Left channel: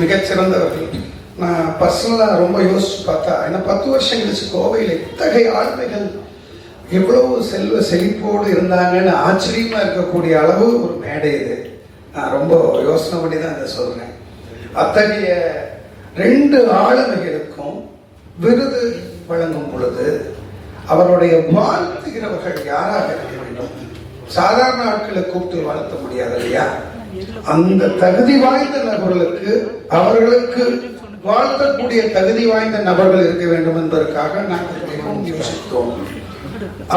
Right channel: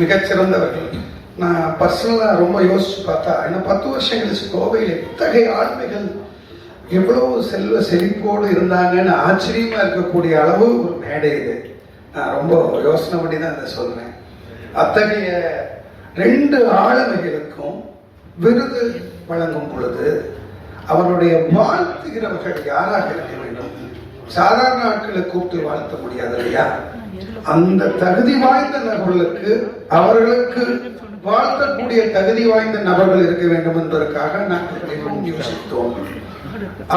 மிகச்சிறந்தவர்கள். நான் பர்சனலாக ரொம்ப யோசிச்சு பார்த்தா, ஏன்னா 10 வருஷம் கழிச்சு கோவையில் இத்தகைய ஆளுமைகள் எவ்வளவு செல்வ செழிப்போடு இருந்தாங்கன்னு ஆச்சரியமாக இருக்கக்கூடிய அளவு ஒரு மேடை இது. நான் ரொம்ப யோசனை பண்ணி தான் அதை சொல்கிறேன். அத்தகைய 2 ஆளுமைகளுக்கும் விருது வழங்கும் பொழுது அவருடைய வாழ்த்துகிறவர்கள் யாராக இருக்க வேண்டும்? சாதாரண ஆட்களை கூப்பிட்டு வாழ்த்த முடியாது இல்லையா? அந்த தகுதி வாய்ந்த நபர்களுக்கு அவர்களுக்கு வாழ்த்தக்கூடிய தகுதி வாய்ந்த நபர்கள் இருக்க வேண்டும் என்பதற்காக நாங்கள் யோசித்தோம்.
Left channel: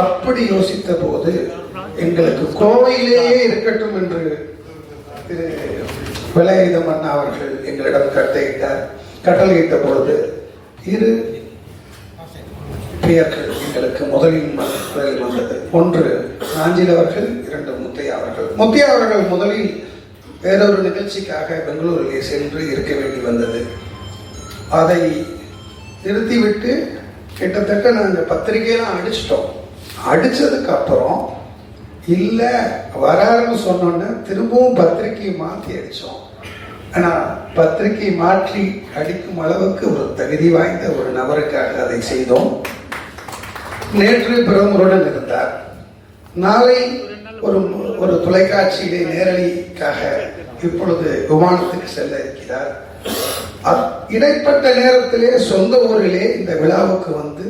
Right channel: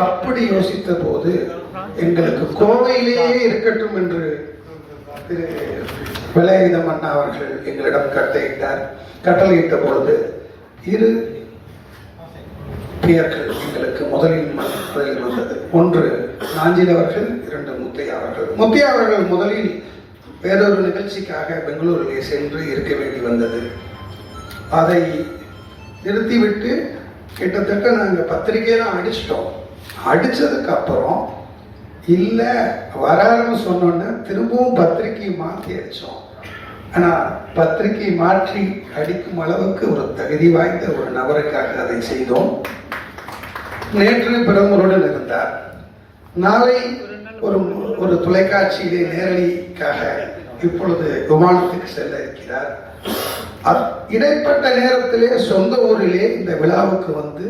அப்படி யோசித்த போது எங்களுக்கு கோவையிலேயே இருக்கட்டும் என்று திரு வேலாயுதம் அண்ணா அவர்கள் எங்களிடம் கட்டளையிட்ட பொழுது 2 பெயர்கள் எங்களுக்கு முதலில் வந்தது. 1 நாஞ்சில் அவர்கள், 2 முத்தையா அவர்கள். முத்தையா அவர்கள் முதலில் வேறொரு நிகழ்ச்சிக்காக பெங்களூரிலே சென்று இருக்க வேண்டி வந்தது. அதை நிறுத்திவிட்டு கிட்டத்தட்ட நாங்கள் பத்திரிகையெல்லாம் அடிச்சிட்டோம். அடித்ததுக்கு அப்புறம் இல்லை வராருன்னு சொன்னோன்னு திரும்பவும் பத்திரிகையை மாற்றி அடித்தோம். ஆனால் பத்திரிகையை மாற்றி அடிக்கும் அளவுக்கு ஒரு தகுதி வாய்ந்த ஒரு நபருக்காக அதை செய்தோம். நேற்று பிரதமருடன் இருந்தார். நாளை ஒரு தொலைக்காட்சியிலே நேரடிக்காக இப்பொழுது விமானத்துக்கு செல்ல இருக்கிறார். இடைப்பட்ட நேரத்திலே சொந்த ஊரிலே இந்த விழாவுக்கு வந்து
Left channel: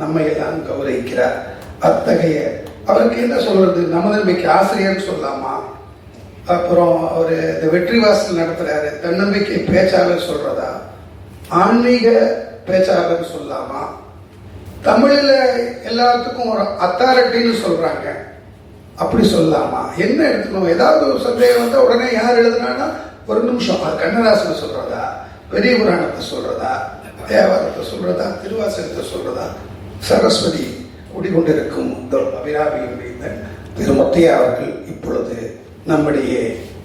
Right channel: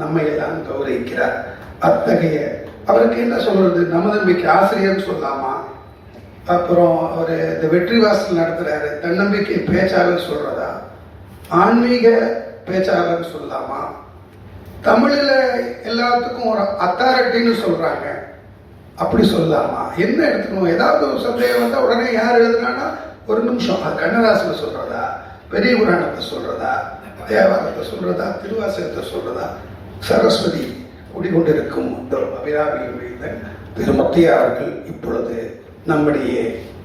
நம்மை எல்லாம் கௌரவிக்கிறார். அத்தகைய அவருக்கு என்ன சொல்றது, நமதன்மைக்கு ஆசிரியர்னு சொல்லலாமா? அப்புறம் அவர் இந்த வெற்றி வாசல் நடத்துறாரு, தன்னம்பிக்கை பேச்சாளர் சொல்றதா? ஆன்மீக பேச்சாளர் சொல்லலாமா? தமிழில் எல்லாத்துக்கும் ஒரு அத்தாரிட்டின்னு சொல்றாங்க, அப்படி சொல்லலாமா? என்ன எடுத்துக்கணும்? ஏதாவது ஒரு சந்தேகம் வந்தால் உடனே யார் எழுதுனான்னா ஒரு நிமிஷம், அது கண்ணதாசனை சொல்றதா, பெரிய புராணத்தை சொல்றதா, தேவாரத்தை சொல்றதா, திருவாசகத்தை சொல்றதா? சரஸ்வதி குடிகொண்டிருக்கும் இந்த அபிராமியுடைய திரு முத்தையா அவர்கள் இப்பொழுது நம்முடைய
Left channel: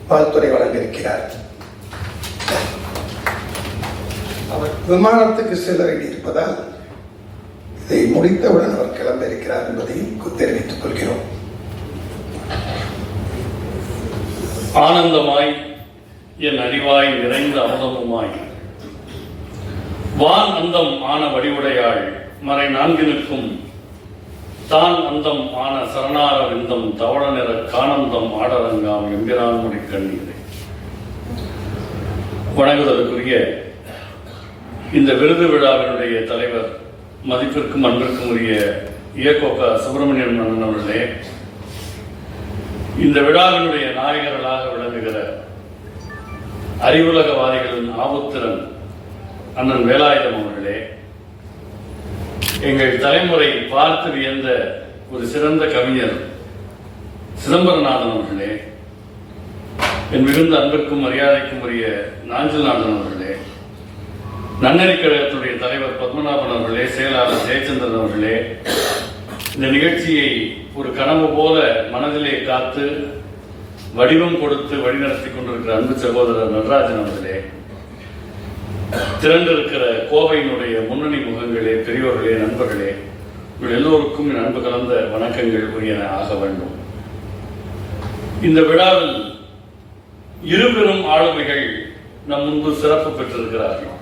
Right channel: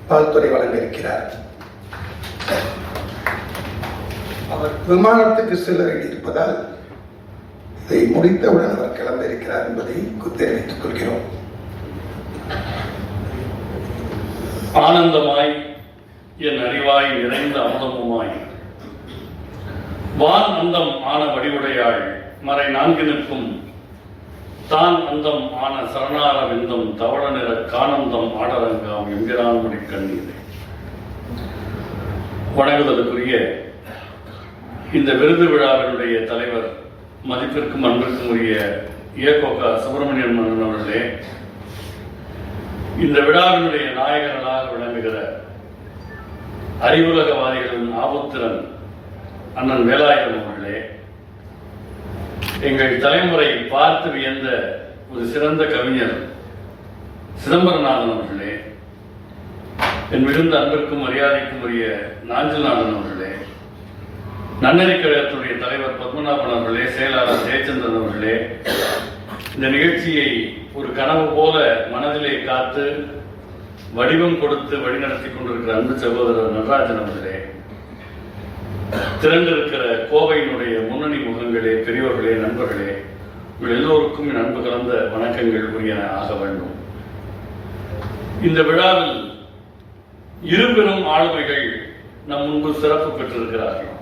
வாழ்த்துறை வழங்க இருக்கிறார். அவர் விமானத்துக்கு செல்ல வேண்டியிருப்பதால் இதை முடித்தவுடன் அவர் கிளம்பியிருக்கிறார் என்பதை தெரிவித்துக் கொள்கிறோம். ஆனந்தமாய் என் அறிவாய் நிறைந்த அமுதமுமாய் வான் அந்தம் ஆன வடிவுடையாள் மறை 4 நிற்கும் தான் அந்தம் ஆன சரணார விந்தம் தவள நிற கானந்தம் ஆடரங்காம் என்கிறான் முடிக்கண்ணீரை. வணங்குவதற்குரிய இந்த விருது விழாவினுடைய தலைவர், மதிப்பிற்கும் அன்பிற்கும் உரிய இயக்கோக சுப்பிரமணியன் அவர்களே, இந்த விழாவினுடைய நாயகர்களாக விளங்குகிற அறிவுலகவாதிகளின் ஆபுத்திரன் அண்ணன் வேலாயுதம் அவர்களே, எங்கள் தலைமுறை பார்த்து வியந்த ஒரு சிறந்த கவிஞர் சிதம்பரநாதன் அவர்களே, என் மிகுந்த அன்பிற்கும் மரியாதைக்கும் உரிய நாஞ்சில்நாதன் அவர்களே, நன்னறி கழகத்துடைய தலைவர் பத்மநாபன் அவர்களே, செயலாளர் ஜெயச்சந்திரன் அவர்களே, இந்த நிகழ்ச்சியை ஒரு கனவு போல மனதிலே காத்து வடிவம் கொடுத்து வழிநடத்தி கொண்டிருக்கிற அன்பு சகோதரர் நடராஜன் அவர்களே, திரண்டிருக்கிற கோவையினுடைய முன்னணி முகங்களே, பெரியோர்களே, நண்பர்களே, உங்கள் எல்லோருக்கும் என் அன்பு கலந்த வணக்கங்கள் உரியன ஆக வேண்டும். இந்த விழாவில் 2 பெரும் ஆளுமைகள் நம் முன்பு சிறப்பு பெற்றிருக்கிறார்கள்.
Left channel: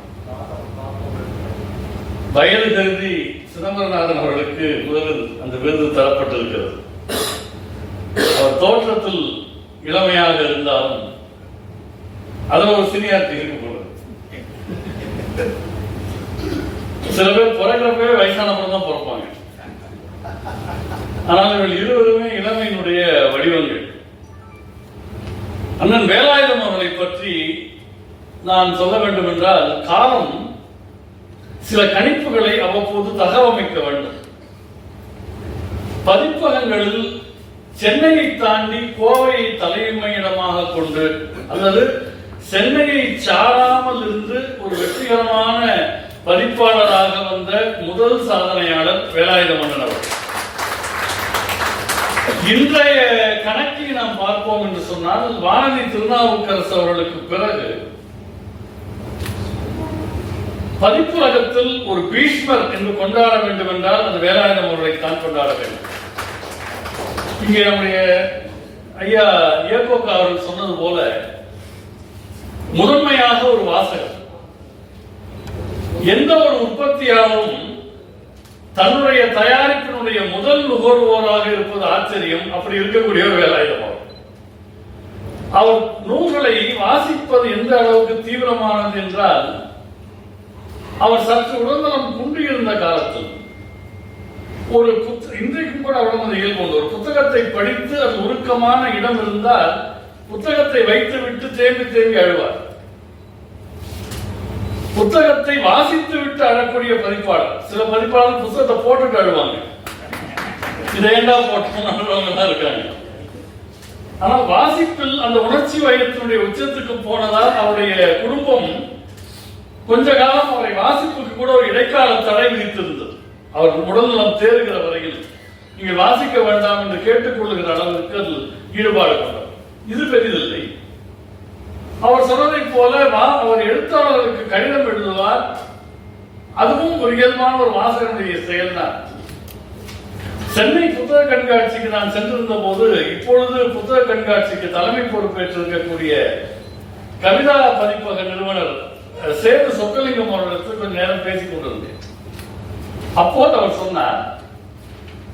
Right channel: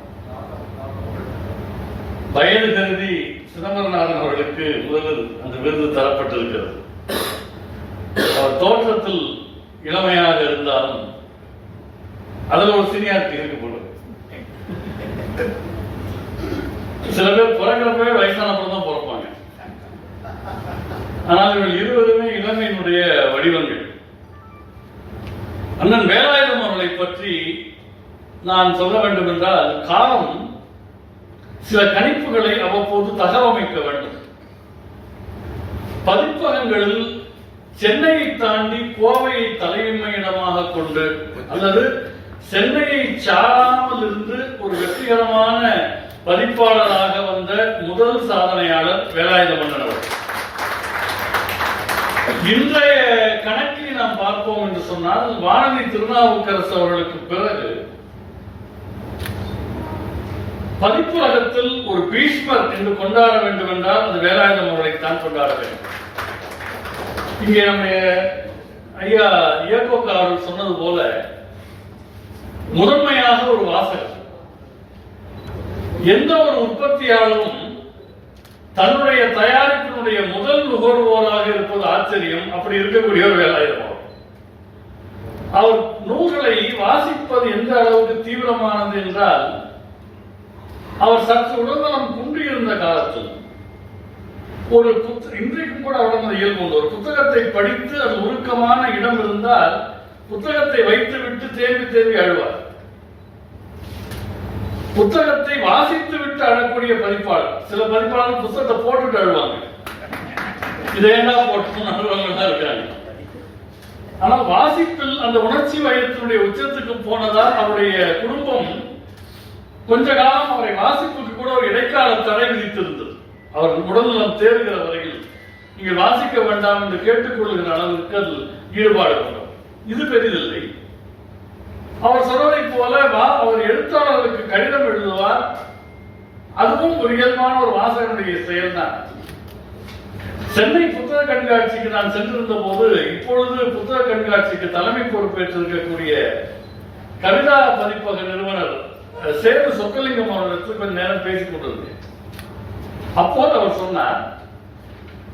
வயது கருதி சிதம்பரநாதன் அவர்களுக்கு முதலில் அந்த விருது தரப்பட்டிருக்கிறது. அவர் தோற்றத்தில் இளமையாக இருந்தாலும் அதில் ஒரு சீனியாரிட்டி இருக்கு போல. சில பேர் பிறக்கிறப்பவே வயசானப்பறம் தான் பிறப்பாங்க. ஆனால் இவர்கள் இருவருமே இளமையினுடைய வடிவங்கள். அண்ணன் வேலாயுதம் அவர்களை பற்றி நான் சொல்ல வேண்டும் என்றால், காலம் சில கணிப்புகளை அவ்வப்போது தகவமைக்க வேண்டும். பதிப்பகங்களில் சென்னையை தாண்டி கோவையை தலைமையிடமாக கொண்டு அல்லது சென்னையை சாராமல் இருந்து ஒரு வெற்றிகரமான பதிப்பாளராக வந்த முதல் சாதனையாளர் வேலாயுதம் அவர்கள். இன்றைய கணக்கில் நாம் பார்ப்போம் என்று சொன்னால், வானதி திருநாவுக்கரசு அவர்களுக்கு பிறகு பதிப்புலகத்தில் ஒரு பீஷ்மர் என்று கொண்டாட வேண்டும் என்றால் அது வேலாயுதம் அவர்களைத்தான் கொண்டாட வேண்டும். இங்கே நம்முடைய ஐயா இயக்கோக்கா அவர்கள் சொன்னது போல, முதன்மையாக ஒரு வாசகர். எந்த ஒரு உற்பத்தியாளரும் தன்னுடைய தயாரிப்பினுடைய முதல் நுகர்வோராக இருப்பது ஆச்சரியம். அப்படி இருக்கக்கூடிய ஒரு வேலாயுதம். அவர் நூல்களை வாசிப்பது எந்த அளவுக்கு தீவிரமானது என்றால், அவர் சற்று உடல்நலம் குன்றியிருந்த காலத்தில் ஒரு இன்றைக்கும் கூட உடம்பு இயல்பு உண்டு. ஒரு புத்தகத்தை படித்து அது உருக்கமான இடம் இருந்தால் புத்தகத்தை வைத்து விட்டு தேம்பி தேம்பி அழுவார். புத்தகத்தை வாசித்து விட்டு அழக்கூடிய பதிப்பாளர். சில பதிப்பாளர் புத்தகத்தை போட்டுட்டு அழுவாங்க. இதேண்டா போட்டு அழுவாங்க இருக்காங்க. ஆனால் வாசிப்பில் அந்த உணர்ச்சி வயத்தினுடைய உச்சத்துக்கு போனதால் அவருடைய குடும்பம் கொஞ்ச காலம் அவரை வாசிப்புக்கு கூட ஒரு இடைக்கால தடை விதித்திருந்தது. அவர் உடல்நலம் தேறுகிற வரையில் நீங்கள் வாசிக்க வேண்டாம் என்று கேட்டுக்கொள்ளுகிற அளவிற்கு அதில் ஈடுபாடு கொண்டார். இது பெரிதில்லை. அவர் சொன்னதை போல அவர் எழுத்தாளர்களுக்கு கடிதம் எழுதுவார். அதுவும் ஒரு இயல்பான ஒரு வாசகனுடைய செயல்தான். சென்னை புத்தக கண்காட்சிக்கு நான் சென்றிருந்த போது, இப்பொழுது புத்தக கண்காட்சிக்கு தலைமை பொறுப்பேற்றிருக்கக்கூடிய கவிதா பதிப்பக நிறுவனர் சேது சொக்கலிங்கம் அவர்களுக்கு கொஞ்சம் நேரம் பேசிக் கொண்டிருந்தேன். அப்போது அவர் சொன்னார்,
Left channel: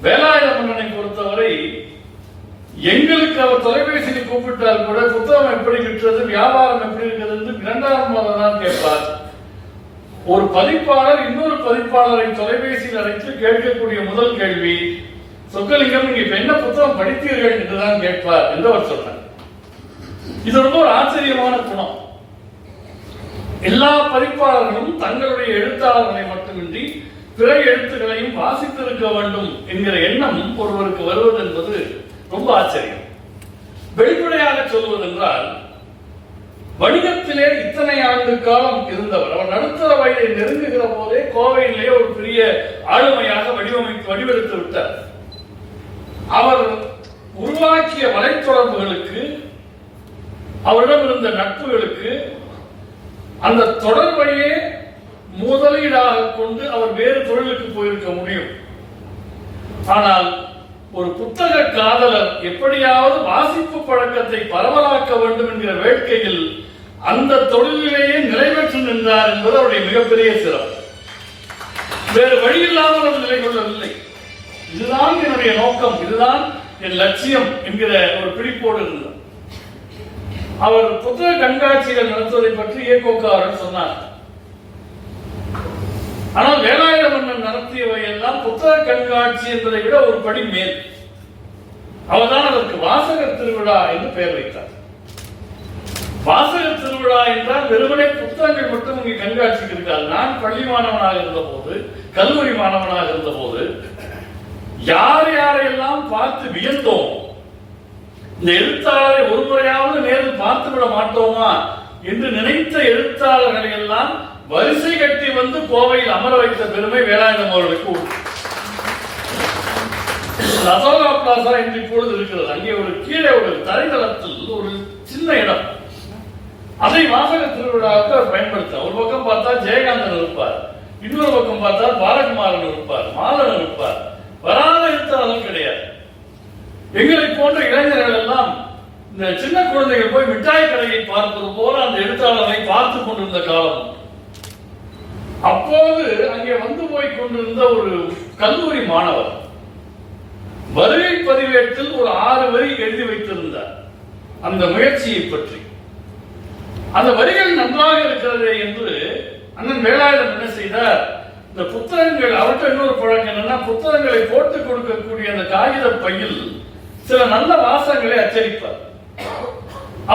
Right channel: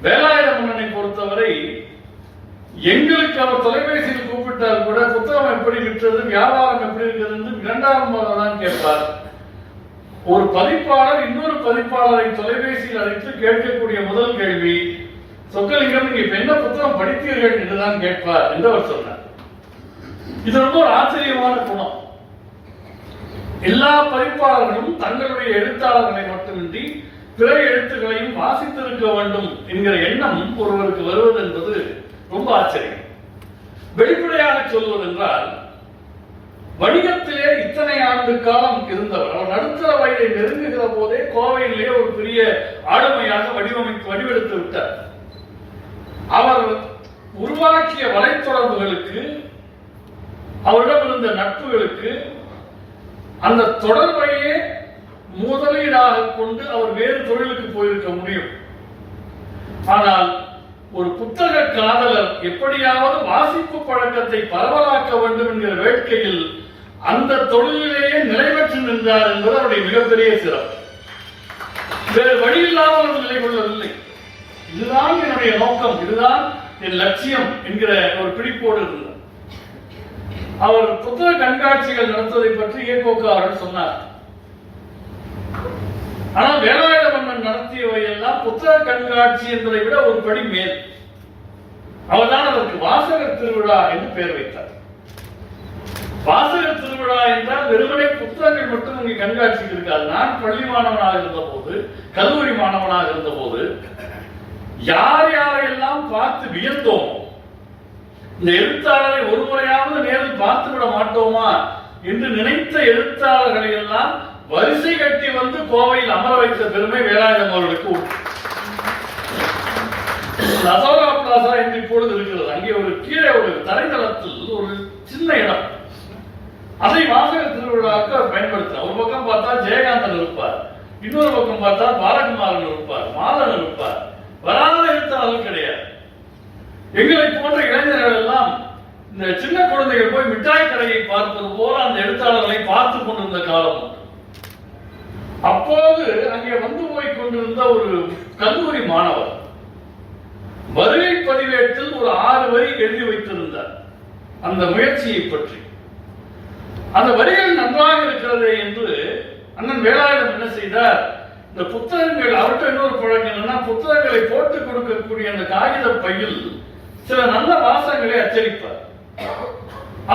வேலாயுத மன்னனை பொறுத்தவரை எங்களுக்கு அவர் தொலைபேசியில் கூப்பிட்டால் கூட புத்தகம் எப்படி விற்றது, வியாபாரம் எப்படி இருக்கிறது என்று இரண்டாம் தான் கேட்பார். ஒரு பதிப்பாளர் இன்னொரு பதிப்பாளரை தொலைபேசியில் அழைத்து கேட்கக்கூடிய முதல் கேள்வி, சொக்கலிங்கம் நீங்க என்ன புத்தகம் படித்தீர்கள் என்றுதான் கேட்பார் என்று அவர் சொன்னார். இது ரொம்ப ஒரு ஆச்சரியமான குணம். எல்லா பதிப்பாளர்களும் தங்களுடைய எழுத்தாளர்களை மட்டுமின்றி பிற எழுத்துக்களையும் வாசித்திருக்க வேண்டும் என்கிற எண்ணம் ஒருவருக்கு வருவது என்பது ரொம்ப ஆச்சரியம். வெளிப்படையாக சொல்வதென்றால், வணிகத்திலே இத்தனை ஆண்டு காலம் இருந்தவர். அவர் நடுத்தர வயதை நெருங்குகிற போதே கோவையிலே ஒரு பெரிய ஆளுமையாக வடிவெடுத்து விட்டார். அவர் உருவாக்கிய வலைத்தொடர்புகளுக்கு, அவரிடம் இருந்த நட்புகளுக்கு, அந்த தொடர்பையே முதலீடாக கொண்டு அவர் வேறு தொழிலுக்கு போயிருக்க முடியும். ஆனால் ஒரு புத்தக காதலர் எப்படியாவது வாசிப்பு பழக்கத்தை பரவலாக்க வேண்டும் என்கிற வேட்கையில் அந்த தொழிலிலேயே நிலை பெற்று நின்றார் என்பது அவருடைய மிகப்பெரிய சிறப்பு. வேறு வழி இல்லாமல் அவர் நிலை கொள்ளவில்லை. இதுதான் என்னுடைய நோக்கம், இதுதான் என் லட்சியம் என்கிற ஒரு பிடிப்போடு இருந்தார். அவர் புத்தக கண்காட்சிகள் நடத்துவதை பற்றி இயக்கோக்காரர் சொன்னார். ஆனால் வேலாயுத மன்னன் நடத்தியவை எல்லாம் புத்தக கண்காட்சி என்பதை விட ஒரு படி மேல். அவர்தான் அதற்கு வாசகர் திருவிழா என்று பெயர் வைத்தார். வாசகர் திருவிழா என்றால் வெறுமனே புத்தகங்கள் மட்டும் இங்கே கண்காட்சிக்கு இருக்காது. நான் பள்ளி மாணவனாக இருந்த போது, கல்லூரி மாணவனாக இருந்த போது, யார் யாரையெல்லாம் பார்த்து வியந்தோம், இந்த எழுத்தாளரை ஒரு முறையாவது நேரில் பார்த்து விட மாட்டோமா என்று நினைத்த எழுத்தாளர்களை எல்லாம் வரிசை கட்டி வந்து கோவையில் அமர வைத்த பெருமை வேலாயுதம் அவர்களுக்கு உண்டு. அசோகா பிளாசா என்று இப்பொழுது இருக்கிறது. அங்கே ஒரு கீழே ஒரு தரைதளத்தில் ஒரு சின்ன இடம். அதை வாசகர் திருவிழாவுக்கு அவர் பயன்படுத்த. ஒரு பக்கம் பார்த்தா ஜெயகாந்தன் இருப்பார், இன்னொரு பக்கம் பார்த்தா பாலகுமாரன் இருப்பார், மாதன் இருப்பார். வராத எழுத்தாளர்கள் கிடையாது. எங்களை போன்ற இளைஞர்கள் எல்லாம் இந்த சின்ன குழந்தைகள் போய் மிட்டாய் கடையை பார்ப்பது போல அந்த எழுத்தாளர்களை பார்த்து கொண்டிருந்த காலம். அப்போது அங்கே வந்து போய் கொண்டிருந்த ஒரு கல்லூரி மாணவர் வருகை பதிவேட்டில் ஒரு 6 வரி எழுதி வைத்திருந்தார் அந்த முயற்சியை பற்றி. அந்த வரிகள் நன்றாக இருக்கிறது என்று அண்ணன் வேலாயுதம் என்ன செய்தார், இந்த புத்தகங்கள், அவர்கிட்ட இன்னொரு பழக்கம் என்னன்னா, புத்தகங்களை போட்டுக் கொடுக்கக்கூடிய அந்த காகித பையில் சில நல்ல வாசகங்களை அச்சடிப்பார்.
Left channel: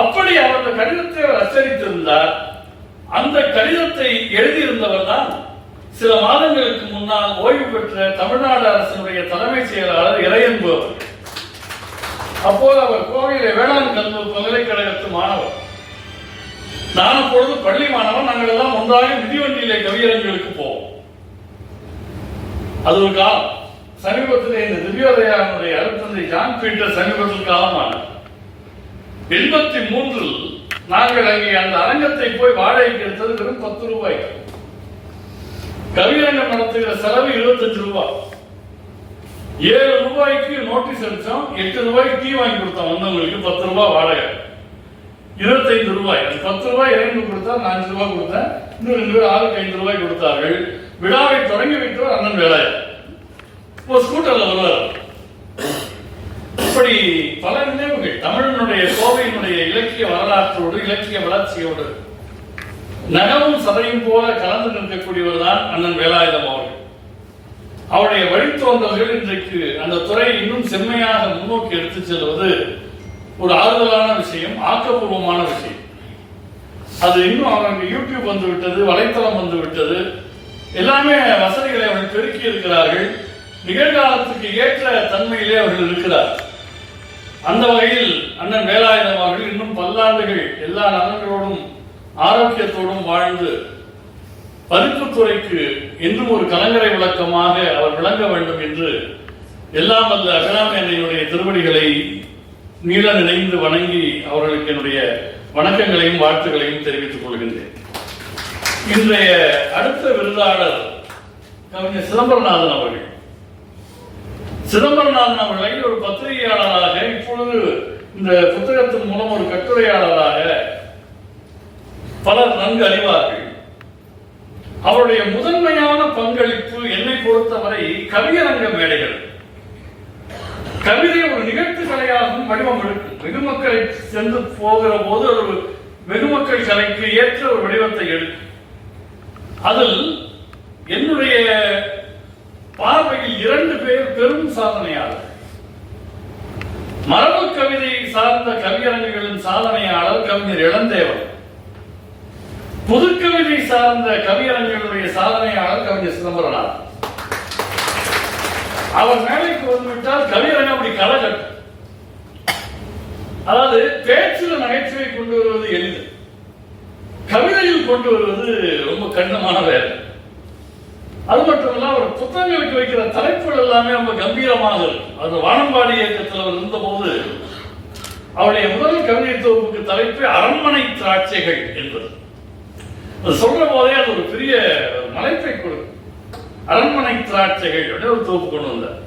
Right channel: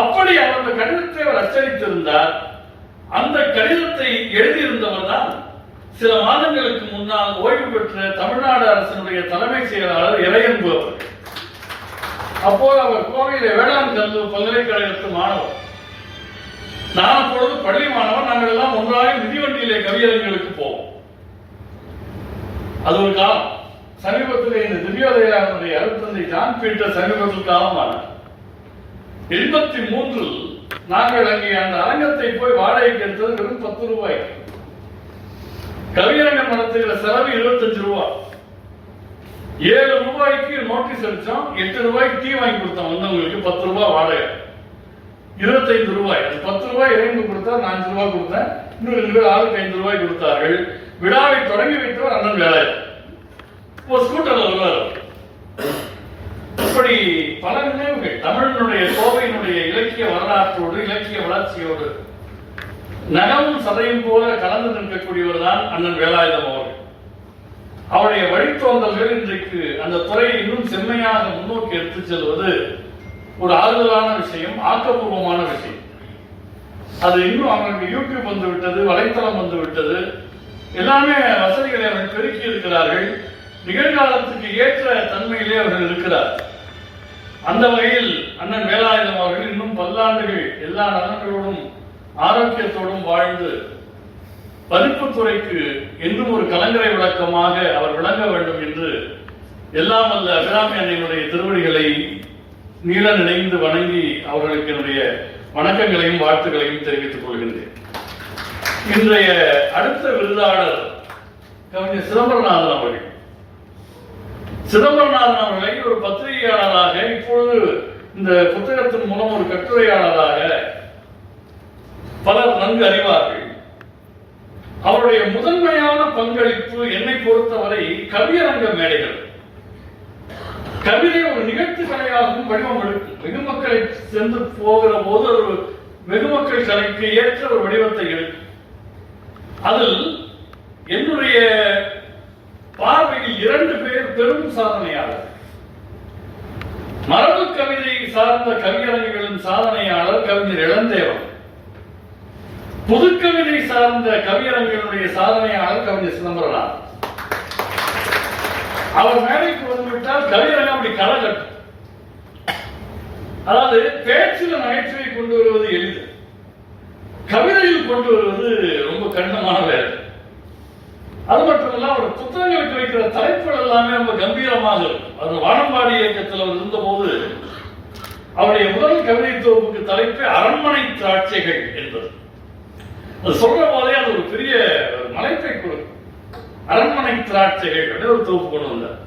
அப்படி அவர் அந்த கடிதத்தை அவர் அச்சடித்திருந்தார். அந்த கடிதத்தை எழுதியிருந்தவர் தான் சில மாதங்களுக்கு முன்னால் ஓய்வு பெற்ற தமிழ்நாடு அரசினுடைய தலைமை செயலாளர் இறையன்பு அவர். அப்போது அவர் கோவையிலே வேளாண் கல்லூரி பல்கலைக்கழகத்து மாணவர். நான் அப்பொழுது பள்ளி மாணவன். நாங்கள் எல்லாம் ஒன்றாக மிதிவண்டியிலே கவியரங்களுக்கு போவோம். அது ஒரு காலம். சமீபத்தில் இந்த திவ்யோதயாவுடைய அருட்தந்தை ஜான் பீட்டர் சமீபத்தில் காலமானார். 83 நாங்கள் அங்கே அந்த அரங்கத்தை போய் வாடகைக்கு எடுத்தது வெறும் 10 ரூபாய். கவியரங்கம் நடத்துகிற செலவு 25 ரூபாய். 7 ரூபாய்க்கு நோட்டீஸ் அடிச்சோம், 8 ரூபாய்க்கு டீ வாங்கி கொடுத்தோம் வந்தவங்களுக்கு, 10 ரூபாய் வாடகை. 25 ரூபாய், அது 10 ரூபாய் இறைந்து கொடுத்தார், நான் 5 ரூபாய் கொடுத்தேன், இன்னும் 2 பேர் ஆளுக்கு 5 ரூபாய் கொடுத்தார்கள். விழாவை தொடங்கி வைத்தவர் அண்ணன் வேலாயுதம். ஒரு ஸ்கூட்டர்ல வருவார். இப்படி பல நினைவுகள் தமிழனுடைய கோவையினுடைய இலக்கிய வரலாற்றோடு இலக்கிய வளர்ச்சியோடு நகமும் சதையும் போல கலந்து நிற்கக்கூடியவர் தான் அண்ணன் வேலாயுதம் அவர்கள். அவருடைய வழித்தோன்றல்கள் இன்றைக்கு அந்த துறையை இன்னும் செம்மையாக முன்னோக்கி எடுத்துச் செல்வது ஒரு ஆறுதலான விஷயம், ஆக்கப்பூர்வமான விஷயம். அது இன்னும் அவர்களுக்கு யூடியூப் வந்து விட்டது, வலைத்தளம் வந்து விட்டது, எல்லாமே வசதிகளை அவர்கள் பெருக்கி இருக்கிறார்கள். நிகழ்காலத்துக்கு ஏற்ற தன்மையிலே அவர்கள் இருக்கிறார். அந்த வகையில் அண்ணன் வேலாயுதம் அவர்கள் இன்னும் பல்லாண்டுகள் எல்லா நலன்களோடும் ஆரோக்கியத்தோடும் வாழ்ந்து பதிப்புத்துறைக்கு என்றும் ஒரு கலங்கரை விளக்கமாக அவர் விளங்க வேண்டும் என்று எல்லாம் வல்ல அபிராமி அன்னையினுடைய திருவடிகளை நீள நினைந்து வணங்கி அவர்களுக்கு என்னுடைய வணக்கங்களையும் வாழ்த்துக்களையும் தெரிவித்துக் கொள்கின்றேன். இன்றைய அடுத்த விருதாளர் கவிஞர் சிதம்பரநாதன் அவர்கள். சிதம்பரநாதன் அவர்களை ஒரு பத்திரிகையாளராக, இப்பொழுது இந்த புத்தகத்தின் மூலம் ஒரு கட்டுரையாளராக பலர் நன்கு அறிவார்கள். அவருடைய முதன்மையான பங்களிப்பு என்னை பொறுத்தவரை கவியரங்க மேடைகள். கவிதை ஒரு நிகழ்ச்சி கலையாகவும் வடிவம் எடுக்கும். வெகுமக்களை சென்று போகிற போது ஒரு வெகுமக்கள் கலைக்கு ஏற்ற ஒரு வடிவத்தை எடுக்கும். அதில் என்னுடைய பார்வையில் 2 பேர் பெரும் சாதனையாளர். மரபு கவிதை சார்ந்த கவியரங்குகளின் சாதனையாளர் கவிஞர் இளந்தேவன். புதுக்கவிதை சார்ந்த கவியரங்களுடைய சாதனையாளர் கவிஞர் சிதம்பரநாதன். அவர் மேடைக்கு வந்துவிட்டால் கவியரங்கம் அப்படி களை கட்டும். அதாவது பேச்சில் நகைச்சுவை கொண்டு வருவது எளிது, கவிதையில் கொண்டு வருவது ரொம்ப கடினமான வேலை. அது மட்டுமல்ல, அவர் புத்தகங்களுக்கு வைக்கிற தலைப்புகள் எல்லாமே ரொம்ப கம்பீரமாக இருக்கும். அந்த வானம்பாடி இயக்கத்தில் அவர் இருந்தபோது அவருடைய முதல் கவிதை தொகுப்புக்கு தலைப்பு அரண்மனை திராட்சைகள் என்பது. அது சொல்ற போதே அது ஒரு பெரிய மலைப்பை கொடுக்கும். அரண்மனை திராட்சைகள் ஒரு தொகுப்பு கொண்டு வந்தார்.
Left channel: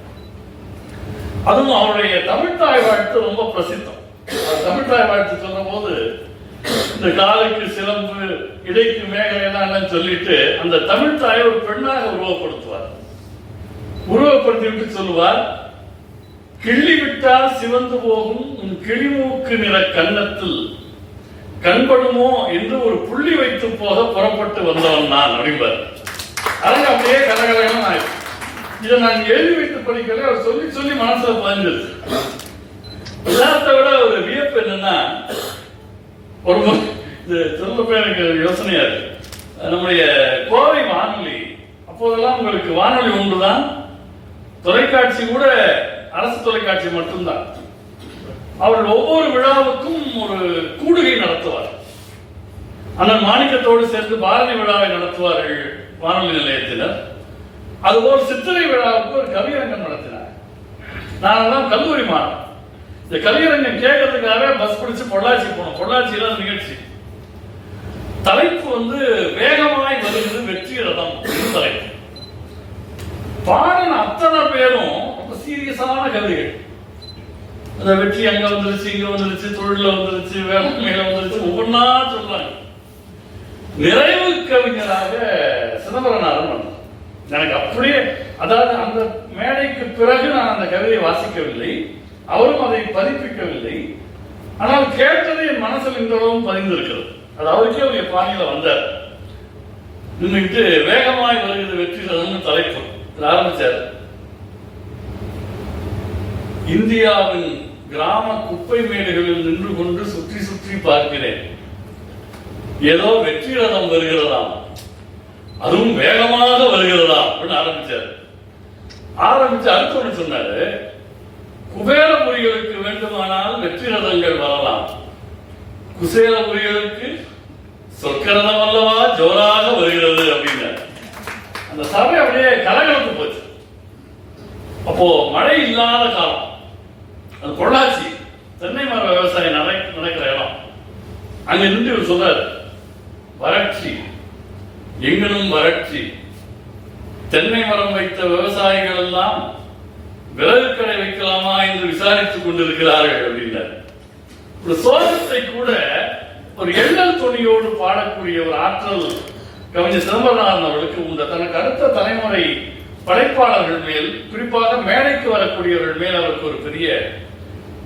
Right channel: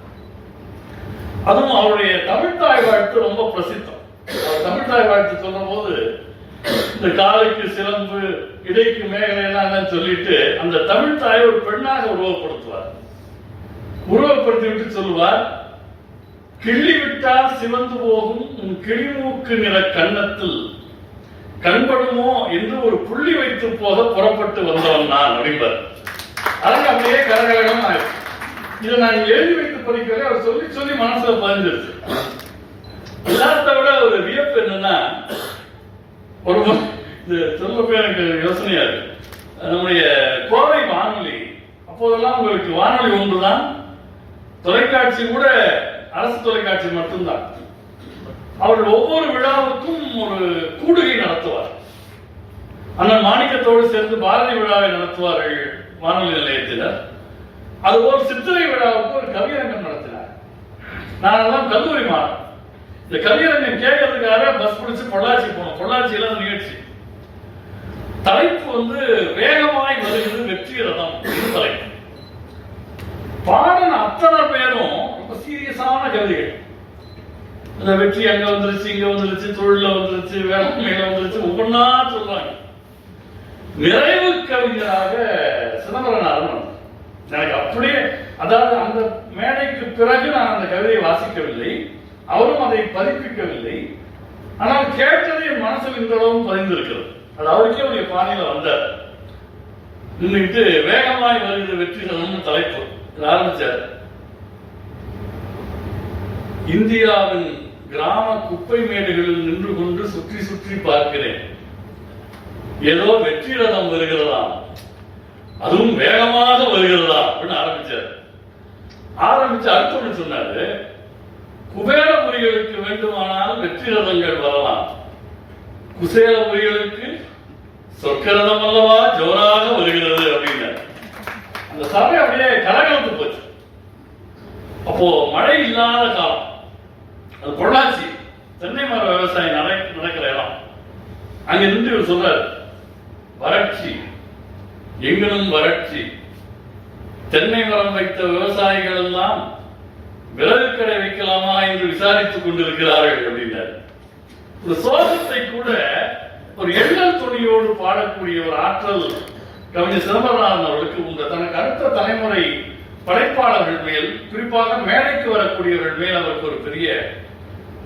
அதுவும் அவருடைய தமிழ்த்தாய் வாழ்த்து ரொம்ப பிரசித்தம். தமிழ்த்தாய் வாழ்த்து சொல்ற போது இந்த காலுக்கு சிலம்பு, இடைக்கு மேகலையெல்லாம் சொல்லிட்டு அந்த தமிழ்த்தாயை ஒரு பெண்ணாக உருவப்படுத்துவார். உருவப்படுத்திவிட்டு சொல்லுவார், கிள்ளி விட்டால் சிவந்து போகும் உன் கிளிமூக்கு நிற கன்னத்தில் கண்படுமோ என்று ஒரு புள்ளி வைத்து போக புறப்பட்டு வந்தவன் நான் அப்படிம்பார். அதனால அப்படியே கரகரகரம் ஆயிடுச்சு. இதை நான் எழுதி வைத்து படிக்கல, அவர் சொல்லி சொல்லி மனசுல பதிஞ்சிருச்சு. எல்லாத்த விட ஒரு வியப்பு என்னன்னா, ஒரு இது சொல்லப்போ எனக்கு யோசனையா இருக்கு. நம்முடைய கோவை வானொலி, அப்போதெல்லாம் உங்களுக்கு வானொலி ஒன்றுதான், தொலைக்காட்சி கூட அரசு தொலைக்காட்சி மட்டும்தான். அவர்கள் ஒவ்வொரு விழாவுக்கும் ஒரு கூடுகை நடத்துவார். அண்ணன் மாணிக்கத்தோடு சேர்ந்து பாரதி விழாவை நடத்துவார்கள் வானொலி நிலையத்தில். அதுபோல் சித்திரை விழாவுக்கு ஒரு கவியரங்கம் நடத்தினார். நானெல்லாம் கல்லூரி மாறேன். இந்த கவியரங்கம் கேட்கறதுக்காக பஸ் பிடிச்சு பொள்ளாச்சி போனோம். பொள்ளாச்சியில நிகழ்ச்சி தலைப்பு வேகமாய் வருகிறது வெற்றி ரதம் தலைப்பு. பாடன அத்தனை பேரும் ரொம்ப சீரியஸான கவிதைகள். அந்த வெற்றி அங்க வந்துருச்சு, இங்க வந்துருச்சு, தொழில வந்துருச்சு, வேளாண்மையில வந்துருச்சு, ஒவ்வொன்னா சொல்றாங்க. நிறைவு கவிஞராக சிதம்பரநாதன் வந்தார். எனக்கு அப்படியே, அதாவது அந்த மேடைக்கு பிறகு நான் அந்த கவிதையை வாசிக்கவில்லை, அவரும் அதை பதிப்பிக்கவில்லை. ஆனால் கேட்டது என் மனசில் இன்றளவும் பதிந்திருக்கிறது. அது அவருக்கே ஒரு பாணியில வந்தார். நின்றுட்டு வேகமாய் வருகிறது வெற்றி ரதம்னு தலைப்பு ஆரம்பிச்சார். இந்தியாவின் கிராம குப்பை மேடுகளில் நின்று கொண்டு சுற்றி சுற்றி பார்க்கிறேன். ஏதோ வெற்றி ரதம் வருகிறதாம், அதுவும் வேகமாக வருகிறதா அப்படின்னு ஆரம்பிச்சார். ஆரம்பிச்சு அடுத்தவங்க சொன்னாரு, குபேரபுரிகளுக்கு வேண்டுமானால் வெற்றி ரதங்கள் வரலாம், குசேலபுரிகளுக்கு சொற்கரதம் அல்லவா ஜோராக வருகிறது அப்படின்னார். அந்த சபை அப்படியே கலகலந்து போச்சு. அப்போ மழை இல்லாத காலம், அது பொள்ளாச்சி தென்னை மர விவசாயம் நடக்கிற இடம். அங்க நின்று சொல்றாரு, வறட்சி, எங்கனும் வறட்சி, தென்னை மரம் வைத்த விவசாயிகள் எல்லாம் விறகு கடை வைக்கலாமா என்று விசாரித்துக் கொண்டிருக்கிறார்கள் அப்படின்னாரு. ஒரு சோகத்தை கூட ஒரு எண்ணல் துணியோடு பாடக்கூடிய ஒரு ஆற்றல் கவிஞர் சிதம்பரநாதன் அவர்களுக்கு உண்டு. தனக்கு அடுத்த தலைமுறை படைப்பாளர்கள் மேல், குறிப்பாக மேடைக்கு வரக்கூடியவர்கள் மேல் அவருக்கு ஒரு பெரிய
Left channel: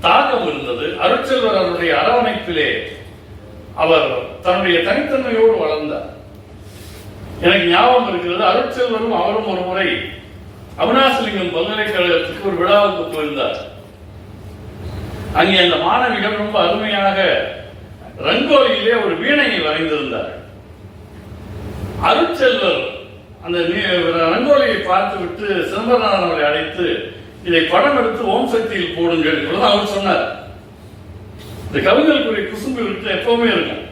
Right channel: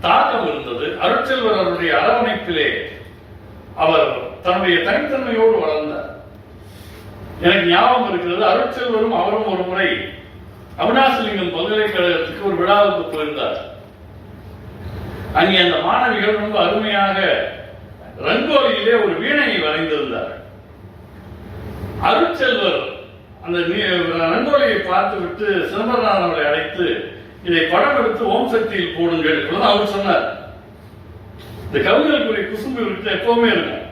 தாக்கம் இருந்தது. அருட்செல்வர் அவருடைய அரவணைப்பிலே அவர் தன்னுடைய தனித்தன்மையோடு வளர்ந்தார். எனக்கு ஞாபகம் இருக்கிறது, அருட்செல்வரும் அவரும் ஒரு முறை அவினாசிலிங்கம் பல்கலைக்கழகத்துக்கு ஒரு விழாவுக்கு போயிருந்தார். அங்கே அந்த மாணவிகள் ரொம்ப அருமையாக ரங்கோலியிலே ஒரு வீணையை வரைந்திருந்தார். அருட்செல்வர் அந்த ரங்கோலியை பார்த்து விட்டு சிதம்பரநாதன் அவர்களை அழைத்து, இதை படம் எடுத்து ஓம் சக்தியில் போடுங்கள் அவர் சொன்னார். இந்த கவிஞர்களுக்குரிய குசும்பு விட்டு எப்பவுமே இருக்கும்.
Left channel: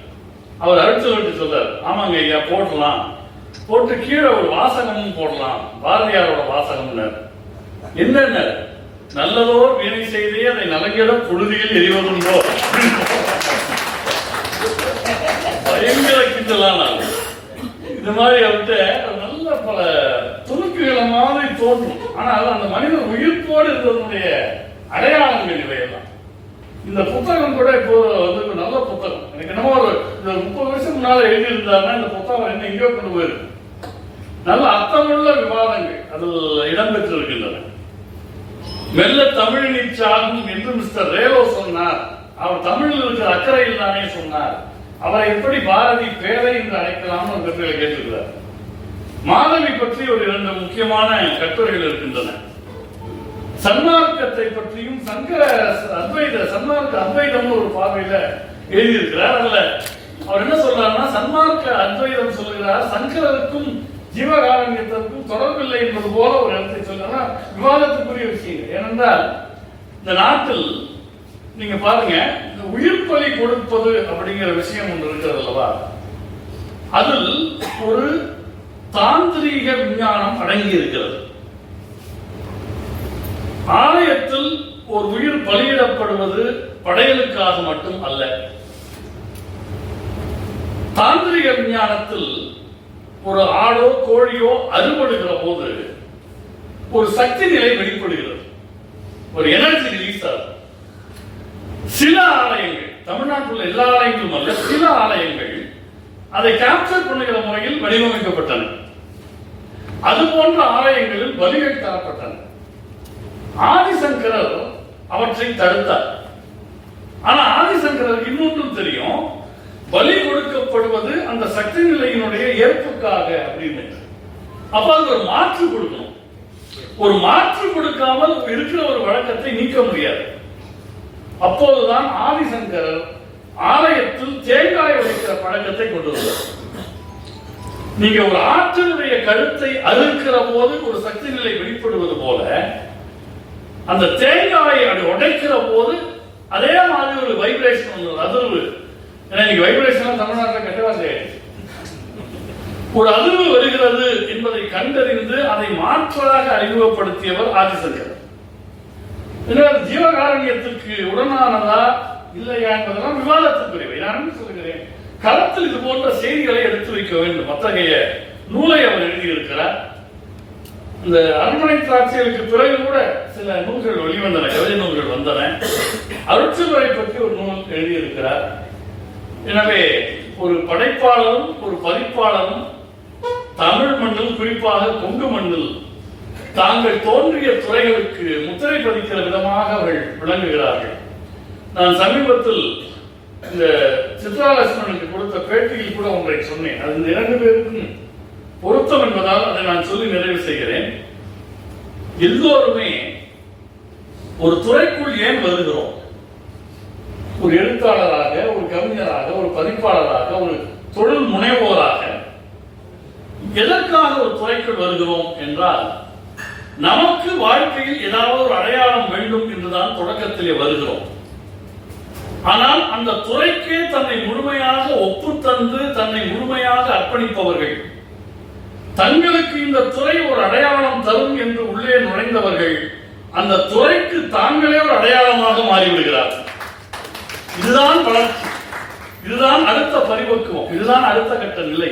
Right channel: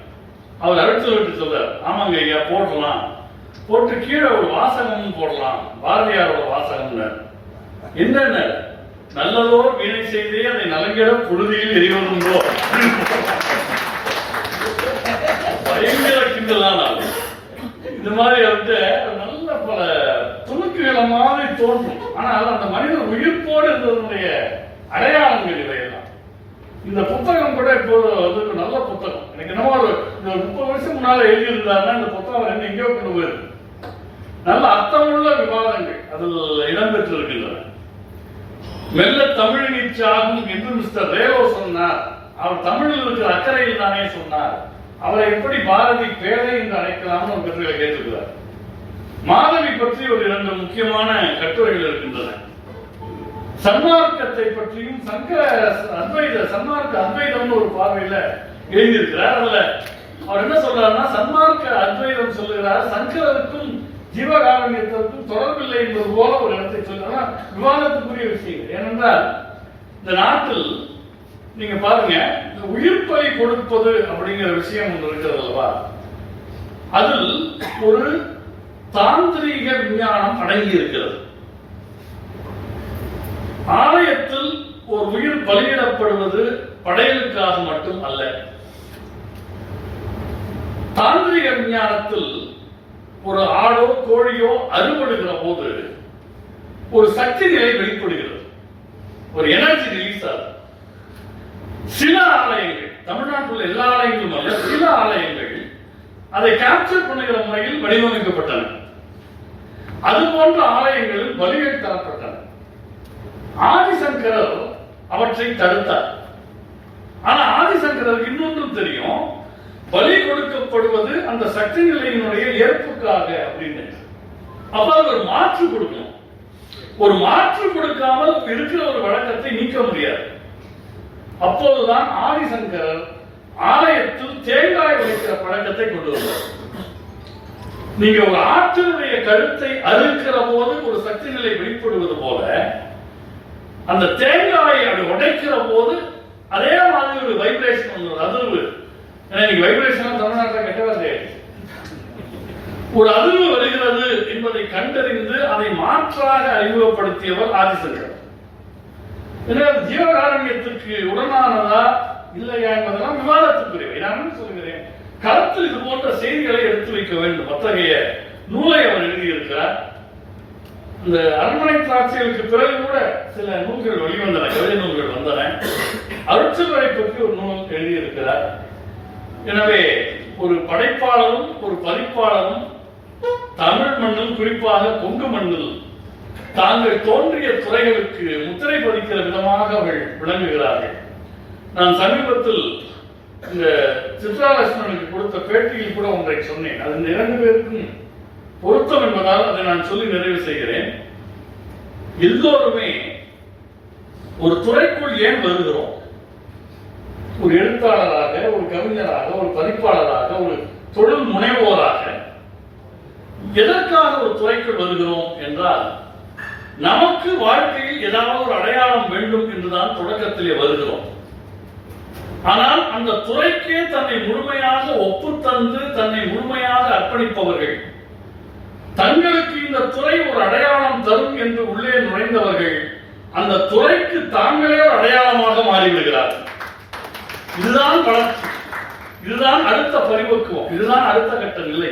அவர் அருட்செல்வர்கிட்ட சொல்றார், ஆமாங்க ஐயா போடலாம், போட்டு கீழே ஒரு வாசகமும் போடலாம், பாரதியாரோட வாசகம்னு. என்னென்ன நல்லதோர் வீணை செய்தே அதை நலங்கிட பொழுதியில் எரிவதுண்டோ, பயங்கர கிண்டலான இந்த மாதிரி வந்து நல்ல பல துணுக்குகளை மாதிரி தோன்றும். ஆனால் அந்த மனிதன் உயிர்ப்போடு இருந்ததுடைய அடையாளங்கள் இவையெல்லாம். இந்த புத்தகம் கூட இப்போ வந்து நல்ல புத்தகம். எனக்கு என்னமோ ஒரு 30 வருஷம் முன்னால எழுதியிருந்தாருன்னா இந்த புத்தகம் என்ன எங்கேயோ கொண்டு போயிருக்கு. நல்ல அர்த்தமுள்ள விவாதங்கள் அதில் இடம்பெற்றிருக்கின்றன. மெல்ல தமிழினில் சாகும் என்று மிஸ்டர் ரேலோ சொன்னார். அவர் தமிழில் இருக்கிற அக்கறையில் தானே சொன்னார். அவரை எப்படி பாரதி பேரை என்று அழைக்கலாம்னு ஒரு கட்டுரைகளை கேட்டிருக்கிறார். மாதவி பற்றி ஒரு 2 முக்கியமான கட்டுரைகள் இருக்கின்றன. சன்மார்க்கத்தை பற்றியும் சங்கர அத்வைத சன்மார்க்க அத்வைதம்னு ஒரு பார்வையில எழுதியிருக்கிறார். அதுல அவர் என்ன சொல்றாருன்னா, சன்மார்க்க அத்வைதம் சொல்லுகிறார், சங்கரருக்கும் ஜீவகாரண்யத்திற்கும் தொடர்பில்லை என்பது போல ஒரு இடத்தை சொல்றார். விவாதத்துக்குரிய விஷயங்கள். ஏனென்றால் இந்த நாட்டில் நீங்க பாருங்க, இந்த உயிர் பலி கொடுப்பது அப்படிங்கிற விஷயம் ஒன்று இருக்கிறது அல்லவா, அதில் ஒரு தாந்திரீக விஞ்ஞானம் அடங்கி இருக்கிறது. ஆலயத்தில் ஒரு உயிர் பலியிடப்படுவது படையலுக்காக மட்டும் அல்ல. தாந்திரிக விஞ்ஞானத்தில் ஒரு ஆடோ கோழியோ அறுபடுகிற போது ஒரு சக்தி நிலை வெளிப்படுகிறது, ஒரு எனர்ஜி ரிலீஸ் ஆகும். சில ஆலயங்கள், தமிழ்நாட்டில் எல்லா ஆலயங்களும் அல்ல, சில ஆலயங்கள் அதை கேப்சர் பண்ணுகிற முறையில் வடிவமைக்கப்பட்டன. அது போன்ற ஆலயங்களில் பலிகள் தரப்பட்டன. ஆதிசங்கரர் அவற்றை தடுத்தார். ஆனா ஆதிசங்கரருக்கு இன்னொன்றும் தெரியும், பலி கொடுக்கப்படுவது அந்த சக்தி நிலையினுடைய ஏற்புக்காக அப்படின்னு. அப்ப அது ஒரு மாற்று கொடுக்கணும். ஒரு மாற்று கொடுக்காமல் இருக்கிற ஒரு வழக்கத்தை நீக்க முடியாது. அப்போதுதான் ஆதிசங்கரர் ஆலயத்தில் தேங்காய் உடைக்கிற பழக்கத்தை கொண்டு வந்தார். நீங்க ஒரு ஆற்றினுடைய கழுத்தை அறுக்கிற போது ஒரு சக்தி நிலை வெளிப்படுவது போல, அந்த தேங்காயை அப்படி உடைக்கிற போது அதே மாதிரி ஒரு வைப்ரேஷன் வந்து அதிர்வு. இன்னைக்கு வைப்ரேஷன் தமிழ்நாட்டில் கெட்டவாது ஒரு அதிர்வு வருகிறது என்பதை கண்டறிந்து அதை மாற்றாக அறிமுகப்படுத்தியவர் ஆதிசங்கர். ஜீவகாரண்யத்திற்கு உடனானதா இல்லையா என்பதெல்லாம் விவாதத்துக்குரியவை. நான் சொல்லுகிறேன், களத்தில் இது போன்ற செய்திகளை எடுத்து வைக்க வேண்டும். அத்தகைய நூலை அவர் எழுதியிருக்கிறார். இந்த அரண்மனை திராட்சைகளுக்கு பிறகு கூட சில நூல்கள் வெளிவந்தன, கவிதை நூல்கள் வந்தன. அருட்செல்வரை பற்றி ஒரு நூல் எழுதியிருக்கிறார். எனவே ஒரு படைப்பாளரும் ஒரு பதிப்பாளரும் தமிழ் மண்ணில், குறிப்பாக கொங்கு மண்ணில் தாங்கள் தோன்றிய துறைகளுக்கு முத்திரை பதிக்கிற விதமாக அவர்கள் விளங்குகிறார்கள். நான் சமீபத்தில் இந்த சித்ராலட்சுமனுக்கு கொடுத்த பேட்டியில் கூட ஒன்றை சொன்னேன். அது இந்த 2 பேருக்கும் பொருத்தம் என்பதால் அதை நான் சொல்லி நிறைவு செய்கிறேன். எல்லோருமே ஒரு துறைக்குள் ஏன் வருகிறோம்? ஒரு எழுத்தாளராக, ஒரு கவிஞராக, ஒரு பதிப்பாளராக, ஒரு தொழில் முனைவோராக எதற்காக ஒரு துறைக்குள் வருகிறோம் என்றால், நமக்கு வாழ்க்கையில் ஏதாவது ஒரு அடையாளம் வேண்டும் என்றுதான் தொடக்கத்திலே வருகிறோம். ஆனால் அந்த துறைக்கே தன்னை முழுமையாக ஒப்புத்தந்து தன்னை முழுமையாக அர்ப்பணிப்பவர்கள், தங்களுக்கு இந்த துறை ஒரு அடையாளம் தரும் என்று உள்ளே நுழைந்தவர்கள் அந்த துறைக்கு தாங்களே ஒரு அடையாளமாக மாறிவிடுகிறார். இதுதான் வளர்ச்சி, இதுதான் அடுத்த பரிபக்குவம், இதுதான் அடுத்த கட்ட நிலை.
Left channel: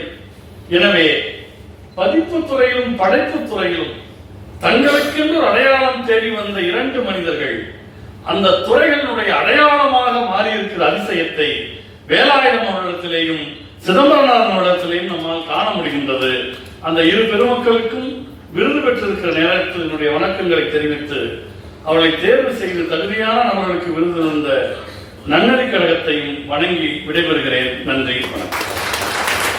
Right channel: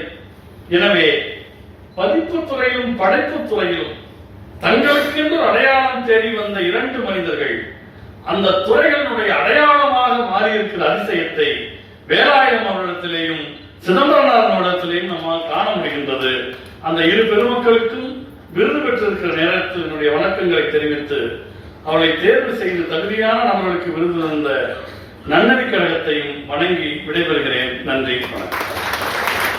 எனவே பதிப்பு துறையிலும் படைப்பு துறையிலும் தங்களுக்கென்று அடையாளம் தேடி வந்த 2 மனிதர்கள் அந்த துறைகளினுடைய அடையாளமாக மாறியிருக்கிற அதிசயத்தை வேலாயுதம் அவர்களிடத்திலேயும் சிதம்பரநாதன் அவர்களிடத்திலேயும் நம்மால் காண முடிகின்றது. அந்த இரு பெருமக்களுக்கும் விருது பெற்றிருக்கிற நேரத்தினுடைய வணக்கங்களை தெரிவித்து அவளை தேர்வு செய்து தகுதியான நபர்களுக்கு விருது தந்த நன்னறி கழகத்தையும் வணங்கி விடைபெறுகிறேன். நன்றி, வணக்கம்.